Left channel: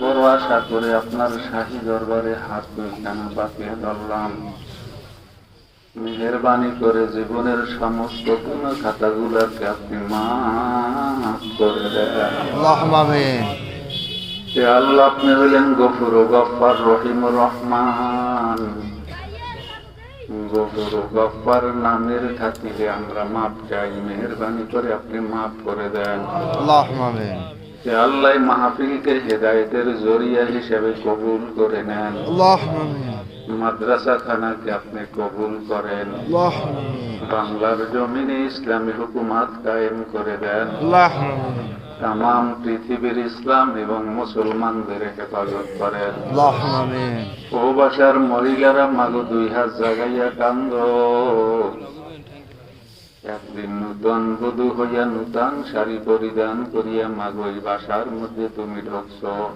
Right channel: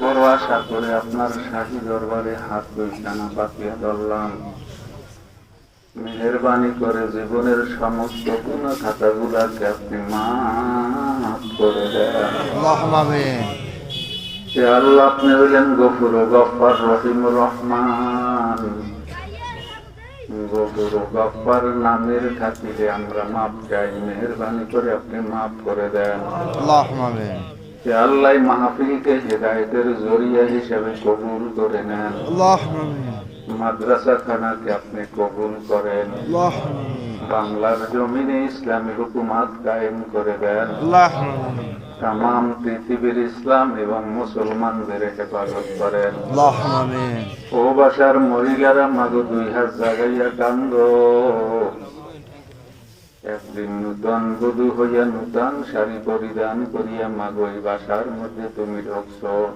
বড় আশা করে আপনার শাহী দরবারে হাত দুইখানা পাতিয়া ধরলাম। মেহেরবানি করে জীবনের সমস্ত গুণ খাতাগুলাকে আপনি মাফ করে দেন। আল্লাহুম্মা আমিন। হে আল্লাহ, আপনি হইলেন গফুর ও গফফার, রহিম ও রহমান। গফুর ও গফফার নামের খাতিরে আমরা মাফ চাই, মেহেরবানি করে আপনি মাফ করে দেন। আল্লাহুম্মা আমিন। হে আল্লাহ, মাহফিলকে হেদায়েতের জরিয়া হিসেবে কবুল করে নেন। আল্লাহুম্মা আমিন। মাদ্রাসা খানাকে আপনি কবুল করেন। আল্লাহুম্মা আমিন। বাংলার জমিনে ইসলামী হুকুমাত কায়েম করে দেন। আল্লাহুম্মা আমিন। তামাম পৃথিবীর ইসলাম এবং মুসলমানদের হেফাজত করেন। আল্লাহুম্মা আমিন। ও বাসার মহিলারা মাগো দুই হাত জাগাইয়া কান্দ। একদিন নূতন বধূ হইয়া নূতন শাড়ি পরিধান করিয়া মাগো এই বাসার মধ্যে তুমি ঢুকছো।